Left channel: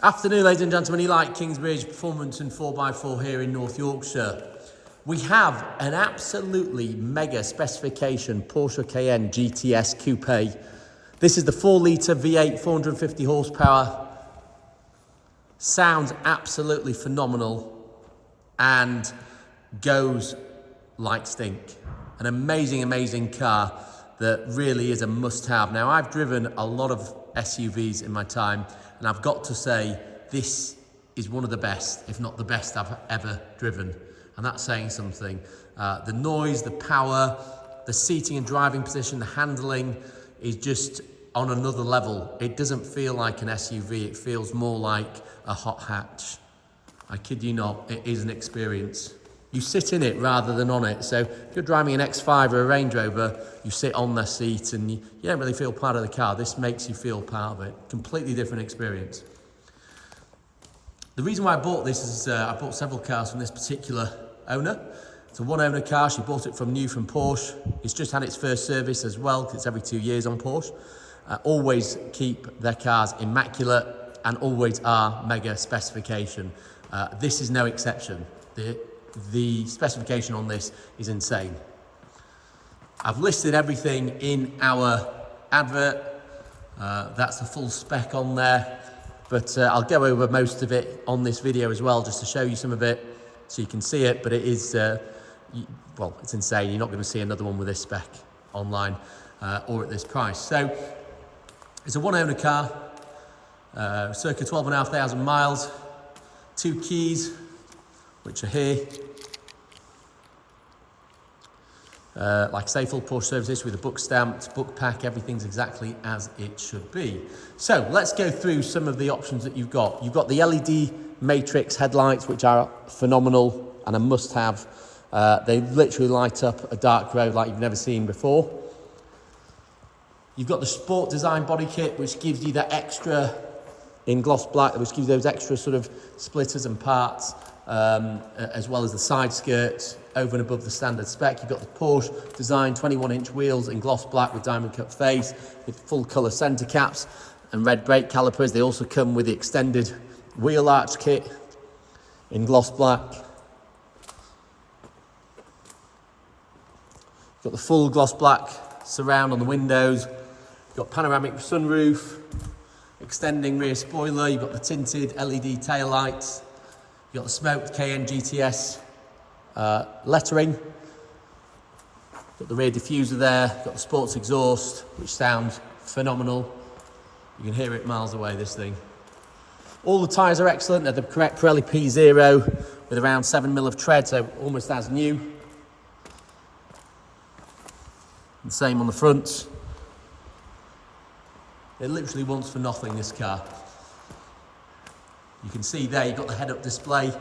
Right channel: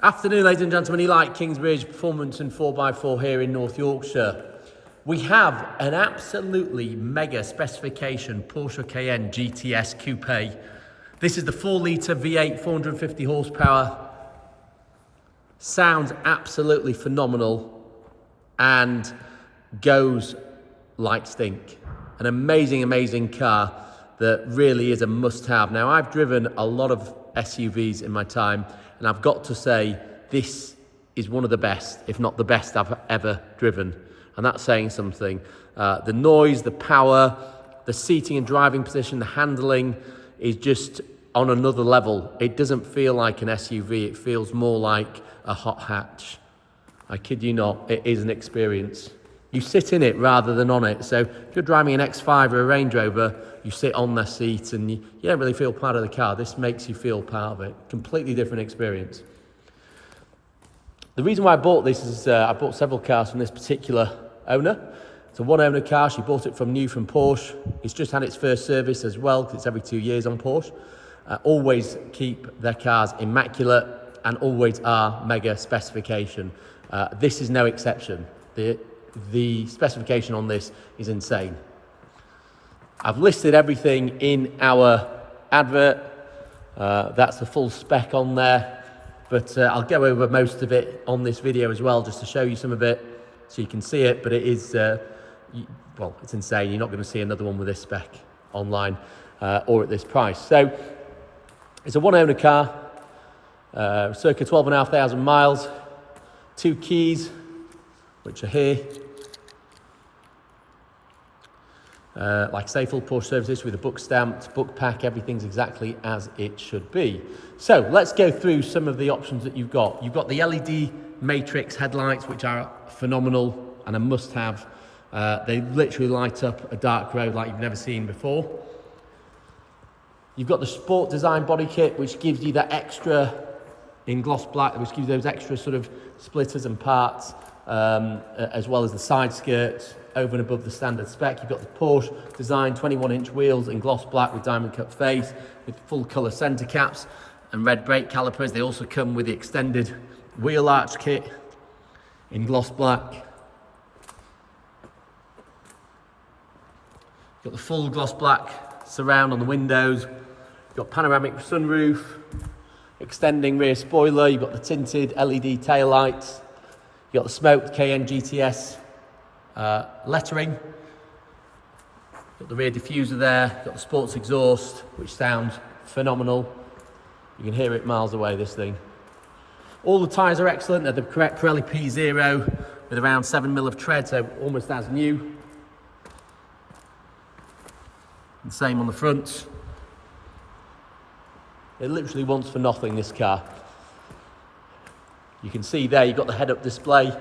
Afternoon, ladies and gentlemen. Eli at Kingsbridge, Performance and 4x4 here in North Yorkshire. We have an absolutely mega specification Porsche Cayenne GTS Coupe. This is the 4-litre V8, 450 horsepower. Sounds absolutely phenomenal and goes like stink. An amazing, amazing car that really is a must-have. Now, I've driven a lot of SUVs in my time, and I've got to say, this is one of the best, if not the best I've ever driven. And that's saying something. The noise, the power, the seating and driving position, the handling is just on another level. It doesn't feel like an SUV, it feels more like a hot hatch. I kid you not, it is an experience. You sit in it rather than on it. So if you're driving an X5 or a Range Rover, you sit on the seat and you don't really feel part of the car. This makes you feel part of it. Completely different experience. The reason why I bought this is I bought several cars from this particular owner. It's a one-owner car. She bought it from Porsche. It's just had its first service as well, because it's every 2 years on Porsche. Always keep their cars immaculate and always are mega specification. This is no exception. The specification on this is insane. I've listed everything in our advert. That's the full spec on there, but I'll go over most of it on this video as well, just to show you some of it so you can see it. But it is, well, it's insane. You're not going to see another one with this spec online or at this price. So it's a one-owner car, circa 12,500 miles, 2 keys, which are here. Like I say, full Porsche services with a book stamped, book pack, everything's exactly as it should be. So let's go through some of the options that you've got. You've got the LED matrix headlights, which are phenomenal and a must-have. They literally light up a dark road like you've never seen before. You've got the sport design body kit, which gives you that extra in gloss black, which gives you those extra sort of splitters and parts, as well as the side skirts over and above the standard spec. You've got the Porsche design 21-inch wheels in gloss black with diamond cut face, with full colour centre caps and red brake calipers. They also come with the extended wheel arch kit in gloss black. You've got the full gloss black surround on the windows. You've got panoramic sunroof, extending rear spoiler. You've got the tinted LED tail lights. You've got the smoked Cayenne GTS lettering. Got the rear diffuser there. Got the sports exhaust, which sounds phenomenal. You can hear it miles away, this thing. All the tyres are excellent. They're the correct Pirelli P0 with around 7mm of tread, so almost as new. The same on the front. It literally wants for nothing, this car. You can see there, you've got the head-up display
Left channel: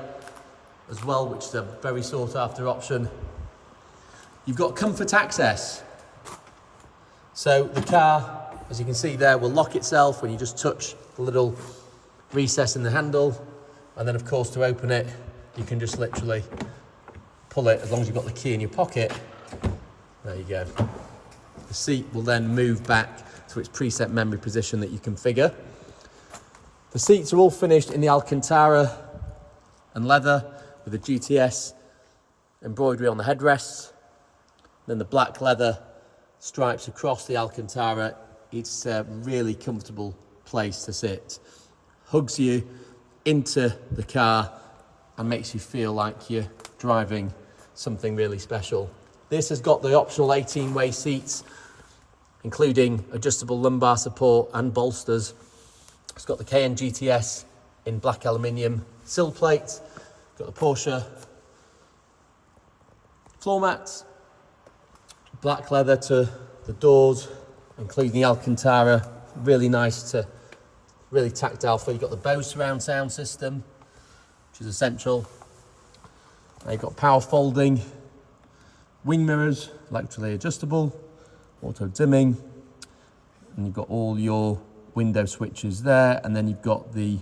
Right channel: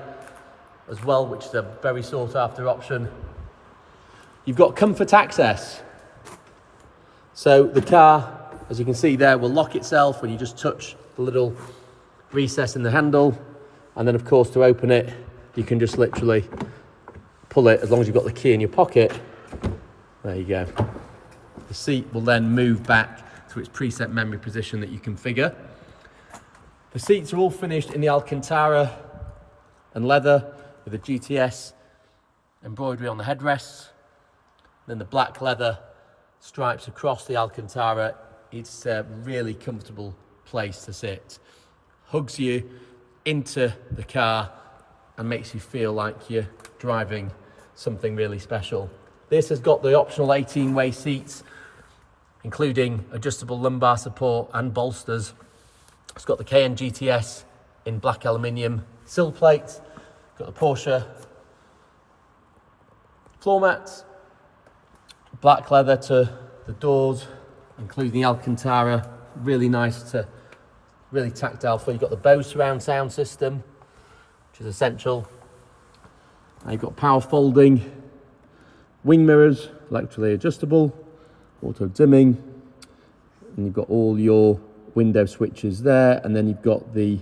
as well, which is a very sought-after option. You've got comfort access. So the car, as you can see there, will lock itself when you just touch the little recess in the handle. And then, of course, to open it, you can just literally pull it as long as you've got the key in your pocket. There you go. The seat will then move back to its preset memory position that you configure. The seats are all finished in the Alcantara and leather with the GTS embroidery on the headrests. Then the black leather stripes across the Alcantara. It's a really comfortable place to sit. Hugs you into the car and makes you feel like you're driving something really special. This has got the optional 18-way seats, including adjustable lumbar support and bolsters. It's got the Cayenne GTS in black aluminium sill plates. Got the Porsche floor mats, black leather to the doors, including the Alcantara. Really nice to, really tactile feel. You've got the Bose Surround sound system, which is essential. Now you've got power folding, wing mirrors, electrically adjustable, auto dimming, and you've got all your window switches there, and then you've got the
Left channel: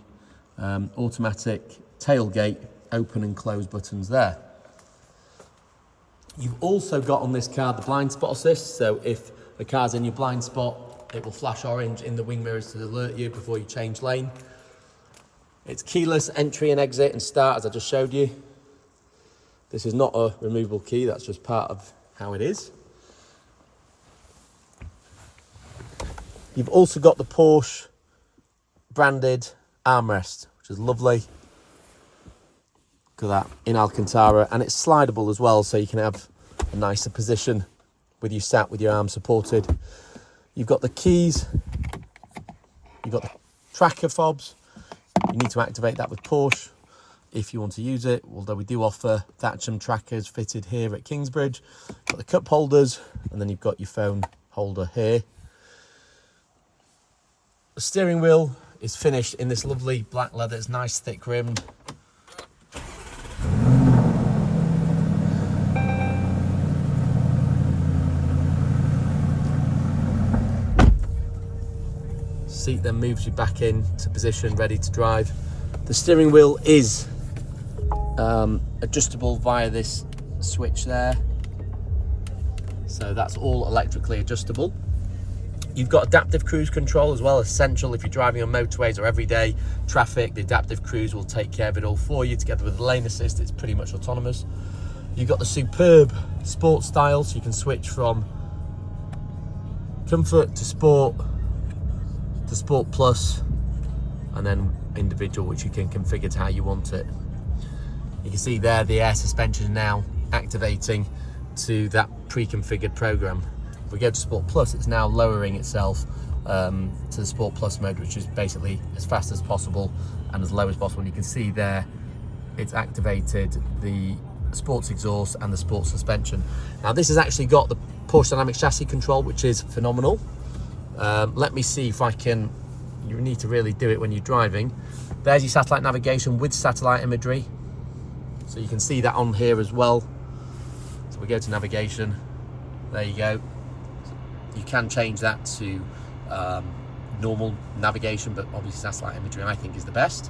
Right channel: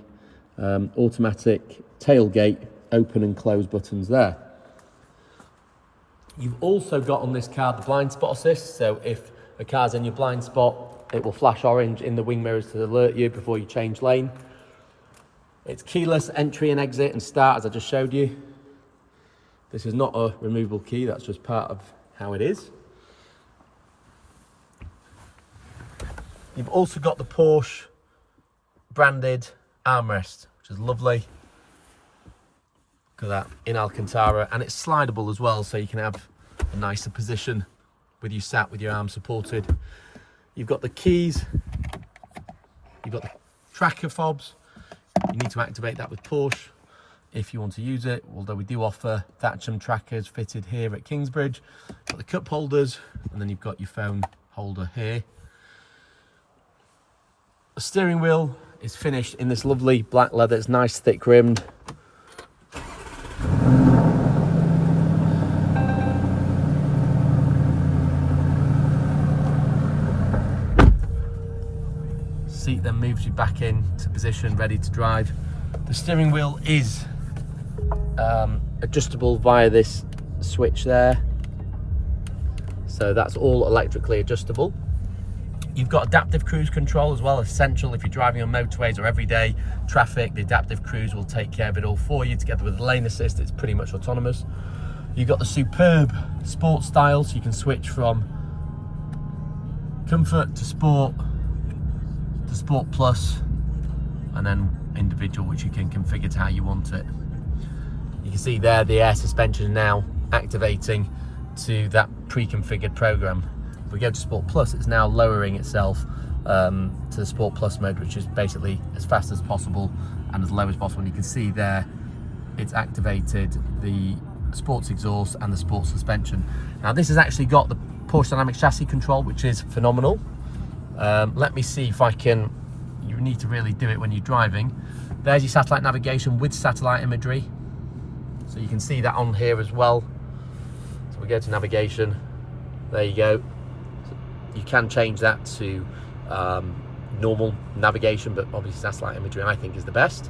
automatic tailgate open and close buttons there. You've also got on this car the blind spot assist, so if a car's in your blind spot, it will flash orange in the wing mirrors to alert you before you change lane. It's keyless entry and exit and start, as I just showed you. This is not a removable key, that's just part of how it is. You've also got the Porsche branded armrest, which is lovely. Look at that, in Alcantara, and it's slidable as well, so you can have a nicer position with you sat with your arms supported. You've got the keys, you've got the tracker fobs. You need to activate that with Porsche if you want to use it, although we do offer Thatcham trackers fitted here at Kingsbridge. You've got the cup holders, and then you've got your phone holder here. The steering wheel is finished in this lovely black leather. It's nice, thick rimmed. Seat then moves you back in to position, ready to drive. The steering wheel is adjustable via this switch there. So that's all electrically adjustable. You've got adaptive cruise control as well, essential if you're driving on motorways or everyday traffic. The adaptive cruise will take care of it all for you. Together with the lane assist, it's pretty much autonomous. You've got the superb sport style, so you can switch from comfort to sport plus, and then individual, which you can configure to how you want it. You can see there the air suspension now activating to that pre-configured program. If we go to Sport Plus, it's now lowering itself to the Sport Plus mode, which is basically as fast as possible and as low as possible. And you can see there it's activated the sports exhaust and the sports suspension. Now this has actually got the Porsche Dynamic Chassis Control, which is phenomenal. Let me see if I can, you need to really do it when you're driving. There's your satellite navigation with satellite imagery. So you can see that on here as well. So we go to navigation, there you go. You can change that to normal navigation, but obviously satellite imagery I think is the best.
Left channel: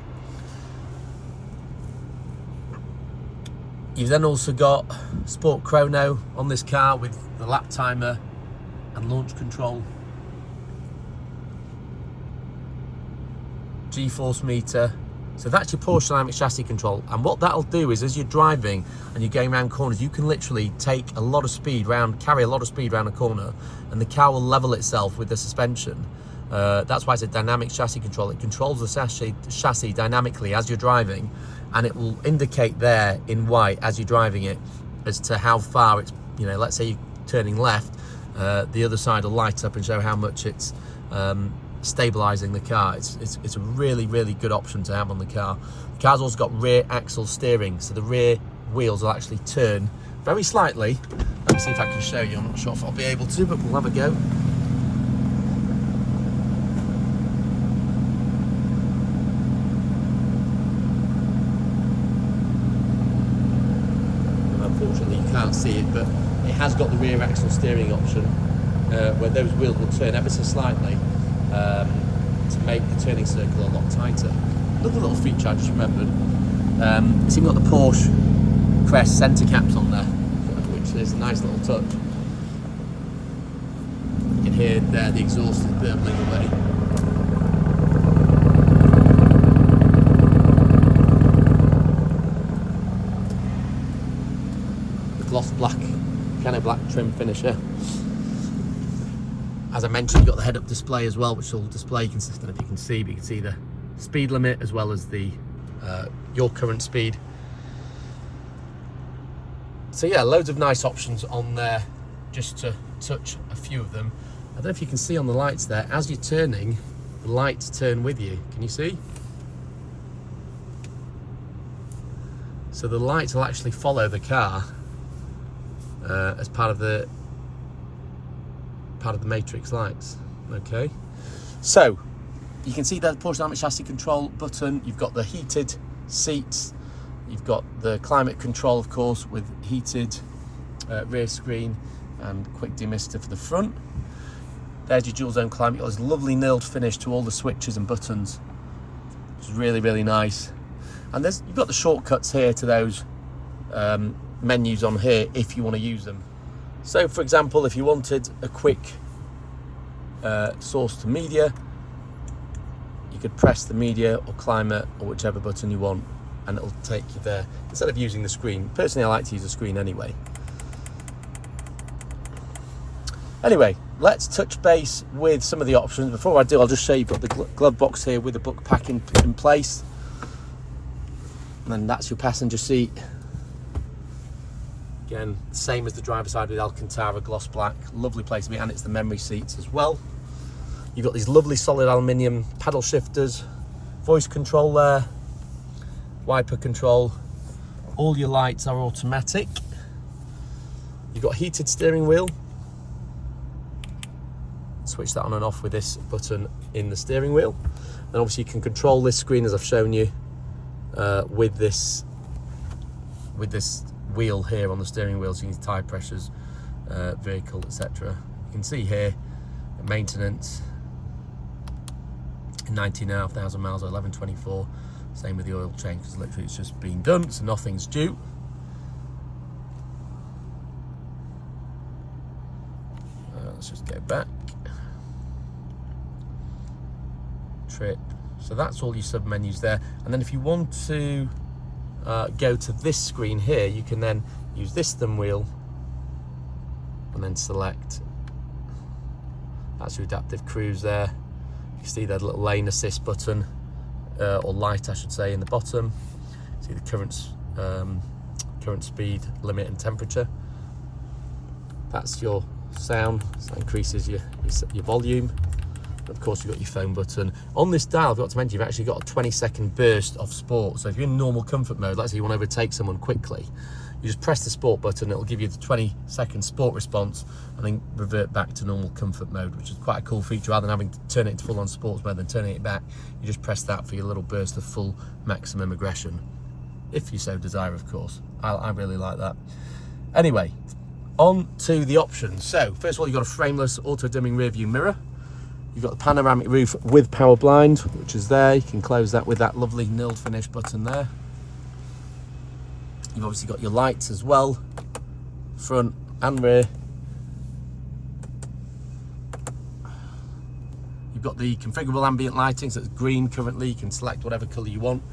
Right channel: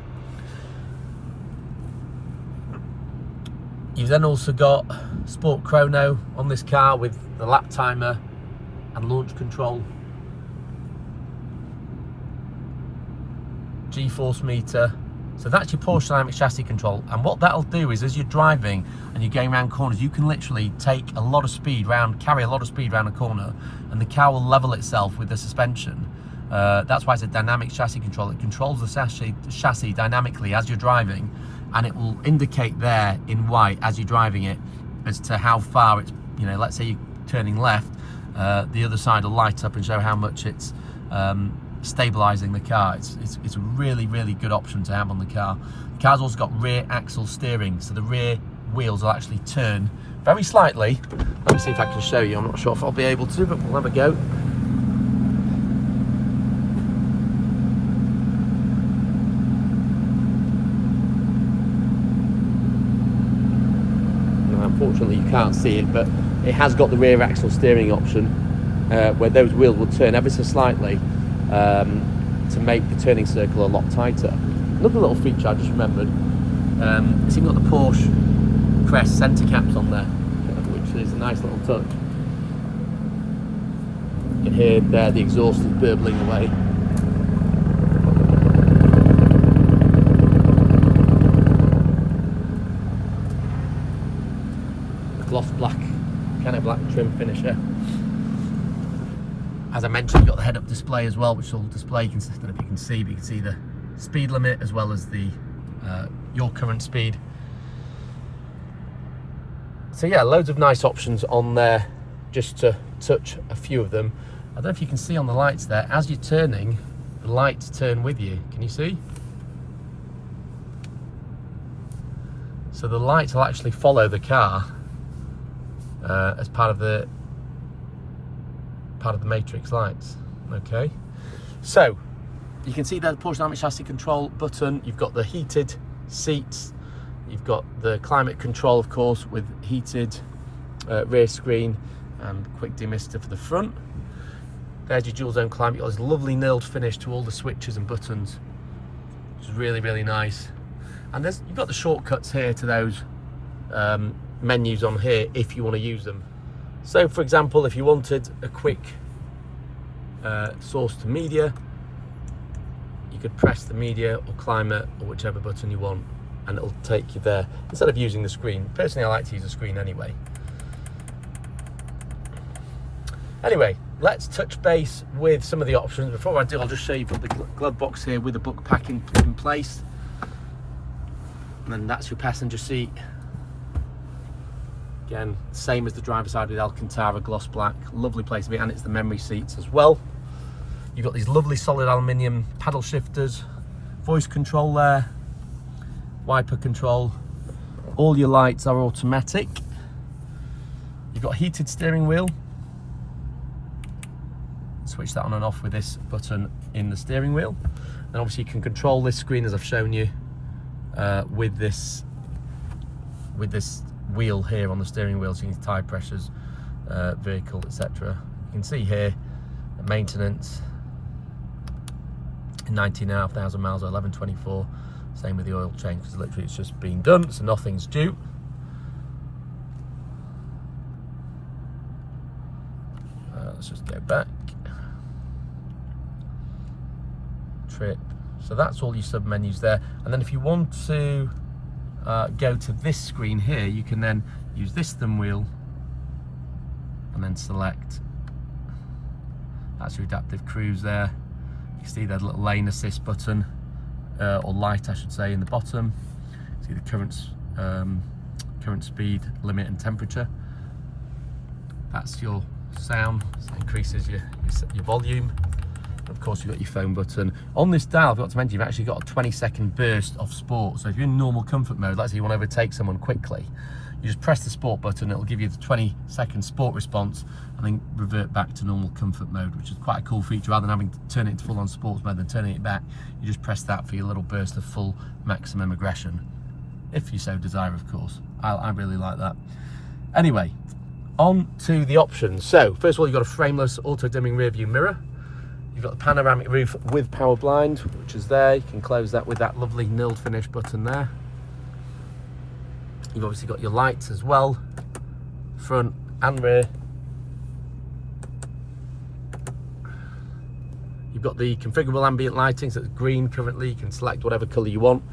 You've then also got Sport Chrono on this car with the lap timer and launch control. G-force meter. So that's your Porsche Dynamic Chassis Control, and what that'll do is as you're driving and you're going around corners, you can literally take a lot of speed round, carry a lot of speed around a corner, and the car will level itself with the suspension. That's why it's a Dynamic Chassis Control. It controls the chassis dynamically as you're driving, and it will indicate there in white as you're driving it as to how far it's, you know, let's say you're turning left, the other side will light up and show how much it's stabilizing the car. It's a really good option to have on the car. The car's also got rear axle steering, so the rear wheels will actually turn very slightly. Let me see if I can show you. I'm not sure if I'll be able to, but we'll have a go. Unfortunately you can't see it, but it has got the rear axle steering option where those wheels will turn ever so slightly to make the turning circle a lot tighter. Another little feature I just remembered, it's even got the Porsche crest centre caps on there, which is a nice little touch. You can hear there the exhaust is burbling away. The gloss black, piano black trim finisher. As I mentioned, you've got the head-up display as well, which will display, consistent if you can see, but you can see the speed limit as well as the your current speed. So yeah, loads of nice options on there, just to touch a few of them. I don't know if you can see on the lights there, as you're turning, the lights turn with you. Can you see? So the lights will actually follow the car as part of the matrix lights. Okay, so you can see that Porsche Dynamic Chassis Control button. You've got the heated seats, you've got the climate control, of course, with heated rear screen and quick demister for the front. There's your dual zone climate. You've got this lovely nailed finish to all the switches and buttons, which is really nice. And you've got the shortcuts here to those menus on here if you want to use them. So for example, if you wanted a quick source to media, you could press the media or climate or whichever button you want, and it'll take you there instead of using the screen. Personally, I like to use the screen anyway. Anyway, let's touch base with some of the options. Before I do, I'll just show you, got the glove box here with the book pack in place. And then that's your passenger seat. Again, same as the driver's side with Alcantara gloss black. Lovely place to be, and it's the memory seats as well. You've got these lovely solid aluminium paddle shifters, voice control there, wiper control. All your lights are automatic. You've got heated steering wheel. Switch that on and off with this button in the steering wheel. And obviously you can control this screen, as I've shown you, with this wheel here on the steering wheel, so you can tire pressures, vehicle, etc. You can see here maintenance, 19,500 miles or 1124. Same with the oil change, because literally it's just been done, so nothing's due. Let's just go back. Trip. So that's all your sub menus there. And then if you want to go to this screen here, you can then use this thumb wheel and then select. That's your adaptive cruise there. You can see that little lane assist button, or light I should say, in the bottom. See the current speed limit and temperature. That's your sound, so it increases your volume. Of course, you've got your phone button. On this dial, I've got to mention, you've actually got a 20-second burst of sport. So if you're in normal comfort mode, let's say you want to overtake someone quickly, you just press the sport button, it'll give you the 20-second sport response and then revert back to normal comfort mode, which is quite a cool feature. Rather than having to turn it into full-on sports mode and turning it back, you just press that for your little burst of full maximum aggression, if you so desire, of course. I really like that. Anyway, on to the options. So, first of all, you've got a frameless auto-dimming rear view mirror. You've got the panoramic roof with power blind, which is there. You can close that with that lovely nilled finish button there. You've obviously got your lights as well, front and rear. You've got the configurable ambient lighting, so it's green currently. You can select whatever colour you want.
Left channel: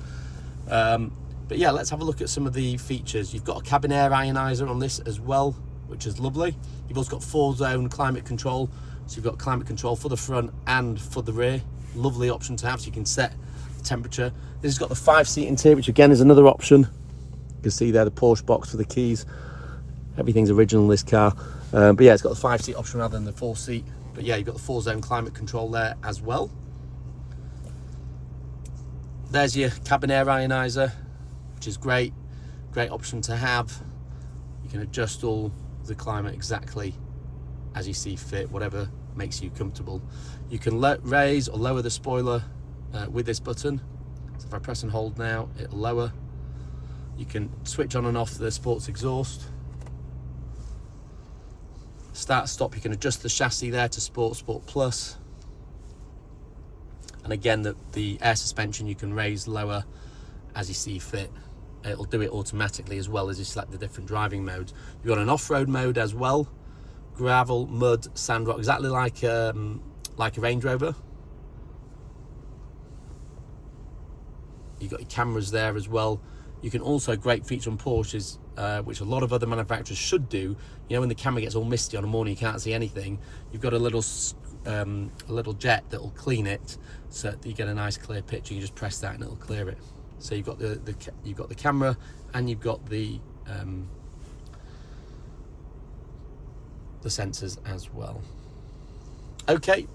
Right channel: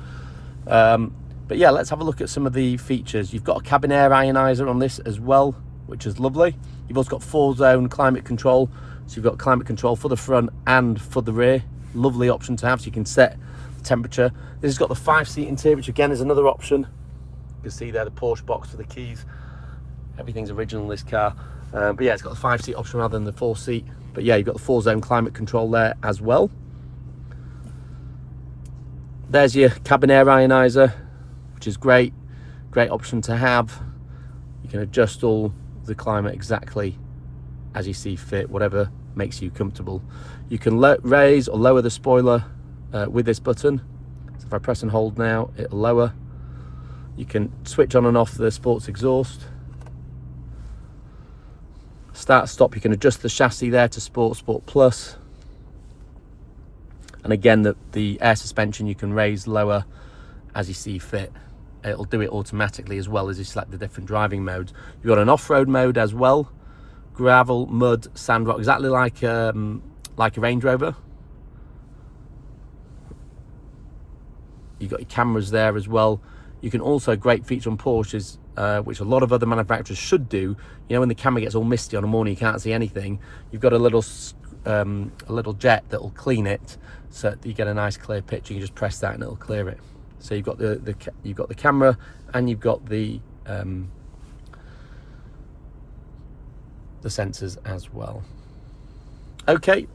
But yeah, let's have a look at some of the features. You've got a cabin air ioniser on this as well, which is lovely. You've also got 4-zone climate control. So you've got climate control for the front and for the rear. Lovely option to have, so you can set the temperature. This has got the 5-seat interior, which again is another option. You can see there the Porsche box for the keys. Everything's original in this car. But yeah, it's got the 5-seat option rather than the 4-seat. But yeah, you've got the 4-zone climate control there as well. There's your cabin air ioniser, which is great. Great option to have. You can adjust all the climate exactly as you see fit, whatever makes you comfortable. You can raise or lower the spoiler with this button. So if I press and hold now, it'll lower. You can switch on and off the sports exhaust. Start, stop, you can adjust the chassis there to Sport, Sport Plus. And again, the air suspension you can raise, lower as you see fit. It'll do it automatically as well as you select the different driving modes. You've got an off-road mode as well. Gravel, mud, sand, rock, exactly like a Range Rover. You've got your cameras there as well. You can also, great feature on Porsches, which a lot of other manufacturers should do. You know, when the camera gets all misty on a morning, you can't see anything. You've got a little jet that will clean it, so that you get a nice clear picture. You just press that and it'll clear it. So you've got the camera and you've got the sensors as well. Okay,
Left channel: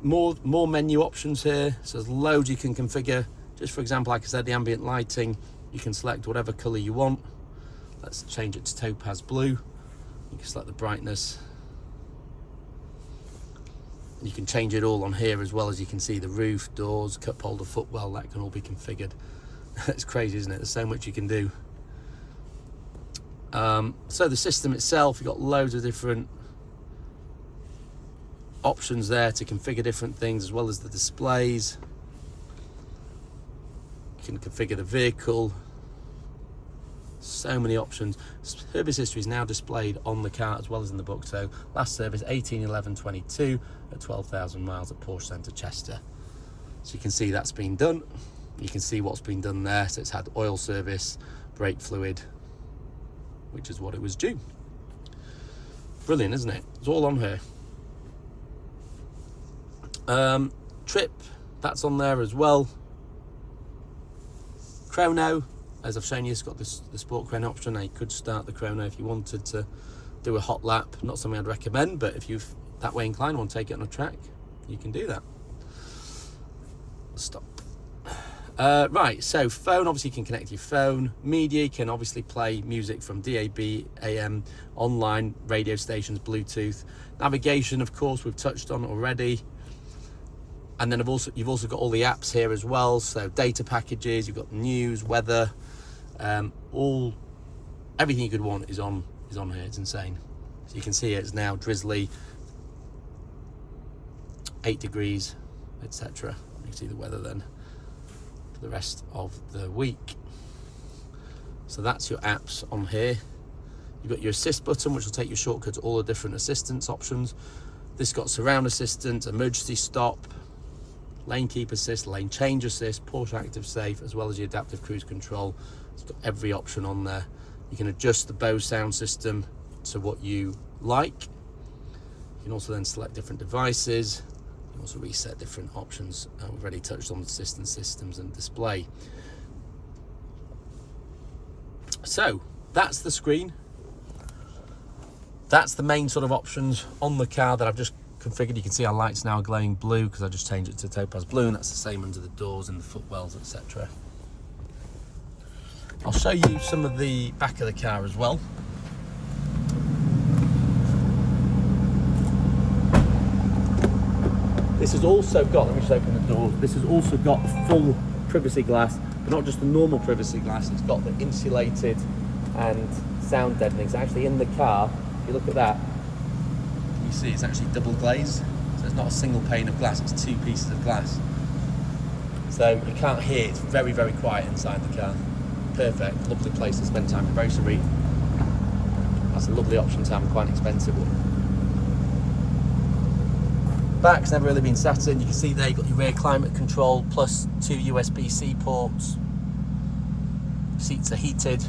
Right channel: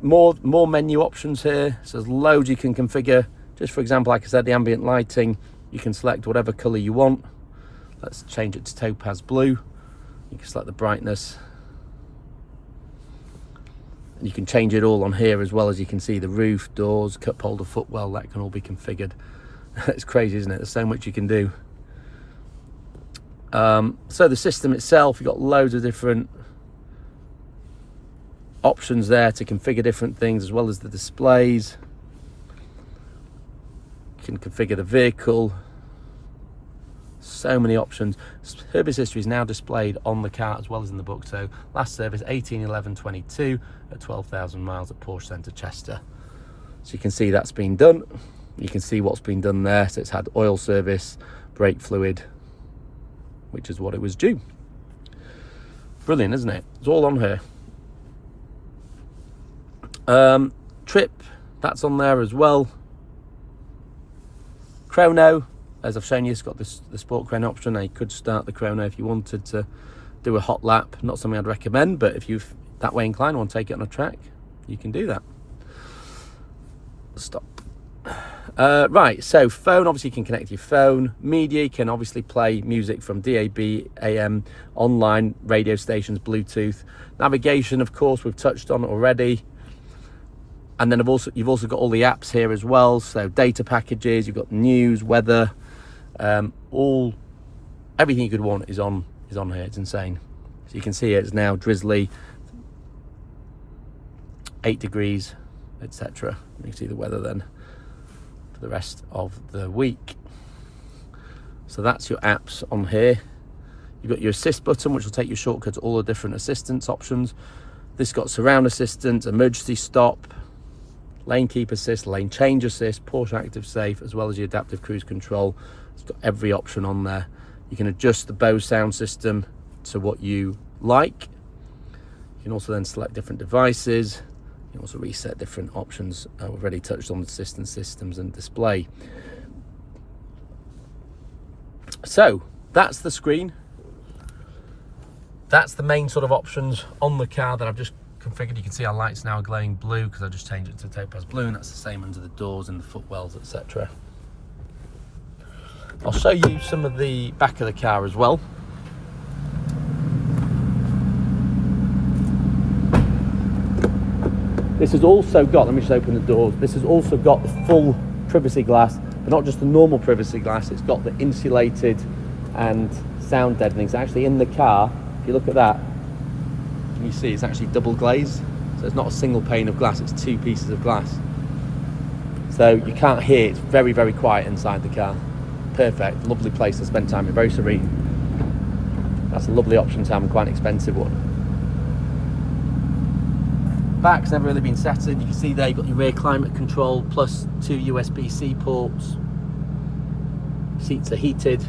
more menu options here. So there's loads you can configure. Just for example, like I said, the ambient lighting, you can select whatever color you want. Let's change it to topaz blue. You can select the brightness. You can change it all on here as well. As you can see, the roof, doors, cup holder, footwell, that can all be configured. It's crazy, isn't it? There's so much you can do. So the system itself, you've got loads of different options there to configure different things, as well as the displays. You can configure the vehicle. So many options. Service history is now displayed on the car as well as in the book. So last service 18/11/22 at 12,000 miles at Porsche Centre Chester. So you can see that's been done. You can see what's been done there. So it's had oil service, brake fluid, which is what it was due. Brilliant, isn't it? It's all on here. Trip, that's on there as well. Chrono, as I've shown you, it's got the sport chrono option. Now you could start the chrono if you wanted to do a hot lap. Not something I'd recommend, but if you're that way inclined, want to take it on a track, you can do that. Stop. Right, so phone, obviously you can connect your phone. Media, you can obviously play music from DAB, AM, online, radio stations, Bluetooth. Navigation, of course, we've touched on already. And then you've also got all the apps here as well. So data packages, you've got news, weather, everything you could want is on here. It's insane. So you can see it's now drizzly, 8 degrees, etc. You can see the weather then for the rest of the week. So that's your apps on here. You've got your assist button, which will take you shortcut to all the different assistance options. This got surround assistance, emergency stop, lane keep assist, lane change assist, Porsche active safe, as well as your adaptive cruise control. It's got every option on there. You can adjust the Bose sound system to what you like. You can also then select different devices. You can also reset different options. We've already touched on the assistance systems and display. So that's the screen. That's the main sort of options on the car that I've just configured. You can see our lights now are glowing blue because I just changed it to topaz blue, and that's the same under the doors and the footwells, etc. I'll show you some of the back of the car as well. This has also got, let me just open the doors, this has also got the full privacy glass, but not just the normal privacy glass, it's got the insulated and sound deadening. So actually in the car, if you look at that, you see it's actually double glazed, so it's not a single pane of glass, it's 2 pieces of glass, so you can't hear. It's very, very quiet inside the car. Perfect, lovely place to spend time, very serene. That's a lovely option to have, quite an expensive one. Back's never really been set in. You can see there you've got your rear climate control plus 2 USB-C ports. Seats are heated.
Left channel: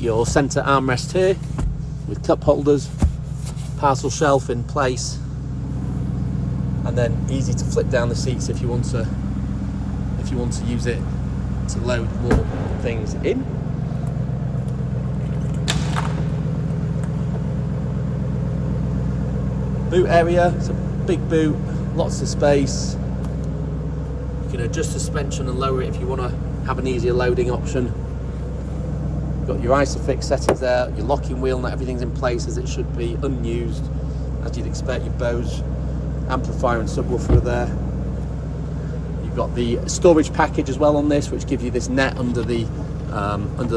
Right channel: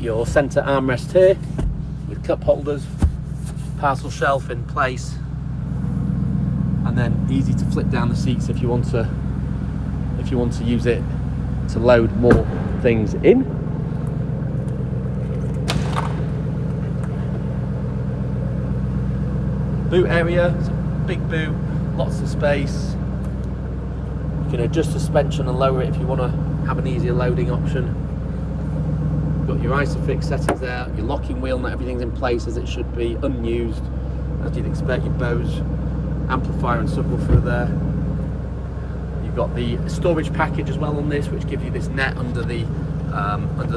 Your centre armrest here with cup holders, parcel shelf in place, and then easy to flip down the seats if you want to use it to load more things in. Boot area, it's a big boot, lots of space. You can adjust suspension and lower it if you want to have an easier loading option. Got your isofix settings there, your locking wheel, not everything's in place as it should be, unused as you'd expect. Your Bose amplifier and subwoofer there. You've got the storage package as well on this, which gives you this net under the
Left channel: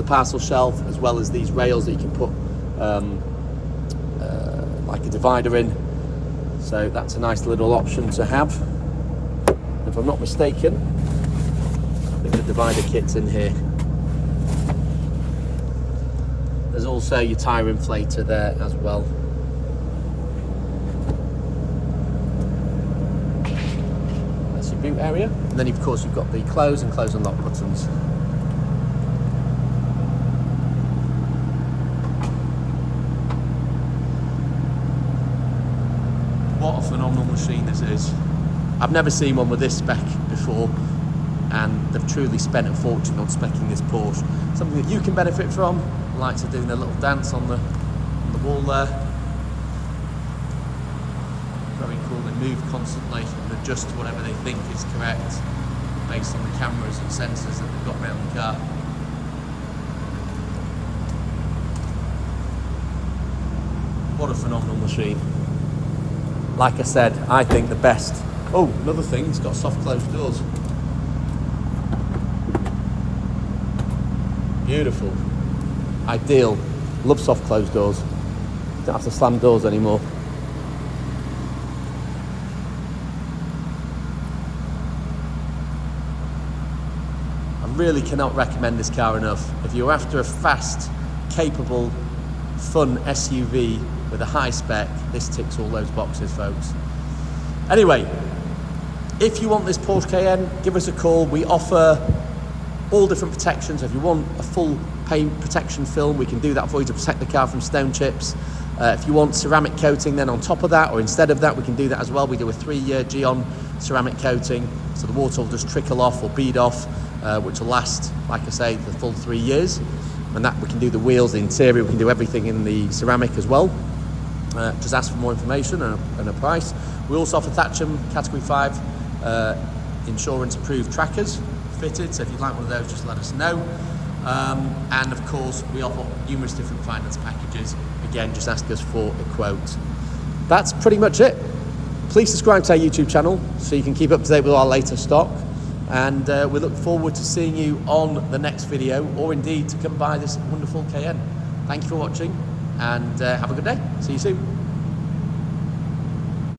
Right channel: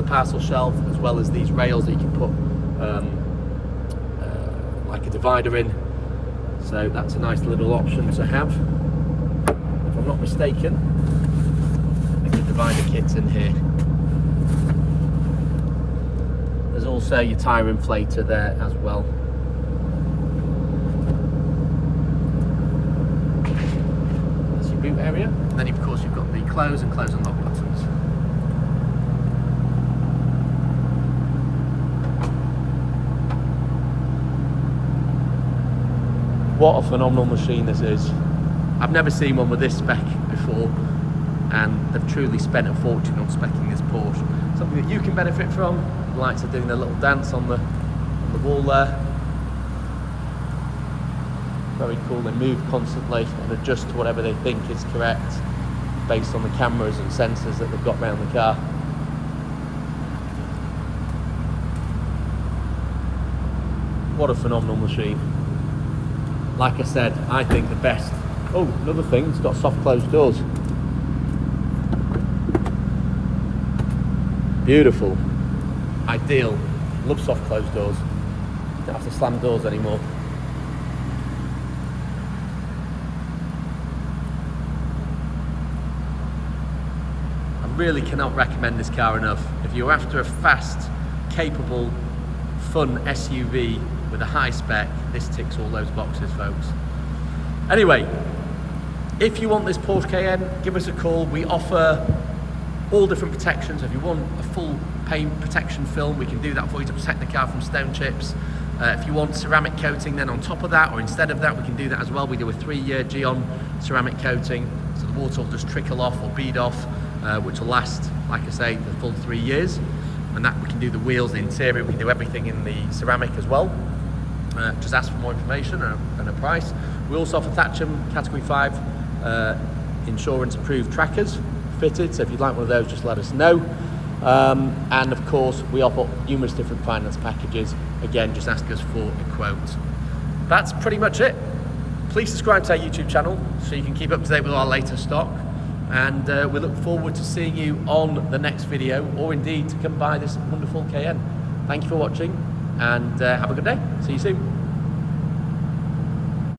parcel shelf, as well as these rails that you can put like a divider in. So that's a nice little option to have. If I'm not mistaken, I think the divider kit's in here. There's also your tyre inflator there as well. That's your boot area. And then of course you've got the close and lock buttons. What a phenomenal machine this is. I've never seen one with this spec before, and they've truly spent a fortune on speccing this Porsche. Something that you can benefit from. The lights are doing their little dance on the wall there. Very cool. They move constantly and adjust to whatever they think is correct based on the cameras and sensors that they've got around the car. What a phenomenal machine. Like I said, I think the best. Oh, another thing, it's got soft closed doors. Beautiful. Ideal. Love soft closed doors. Don't have to slam doors anymore. I really cannot recommend this car enough. If you're after a fast, capable fun SUV with a high spec, this ticks all those boxes, folks. Anyway, if you want this Porsche Cayenne, give us a call. We offer all different protections. If you want a full paint protection film, we can do that for you to protect the car from stone chips. If you want ceramic coating then on top of that, or instead of that, we can do that as well. We do a 3-year Geon ceramic coating, so the water will just trickle off or bead off, which will last, like I say, the full 3 years. And that we can do the wheels, the interior, we can do everything in the ceramic as well. Just ask for more information and a price. We also offer Thatcham Category 5 insurance approved trackers fitted, so if you'd like one of those, just let us know. And of course, we offer numerous different finance packages. Again, just ask us for a quote. That's pretty much it. Please subscribe to our YouTube channel so you can keep up to date with our latest stock. And we look forward to seeing you on the next video, or indeed to come buy this wonderful Cayenne. Thank you for watching, and have a good day. See you soon.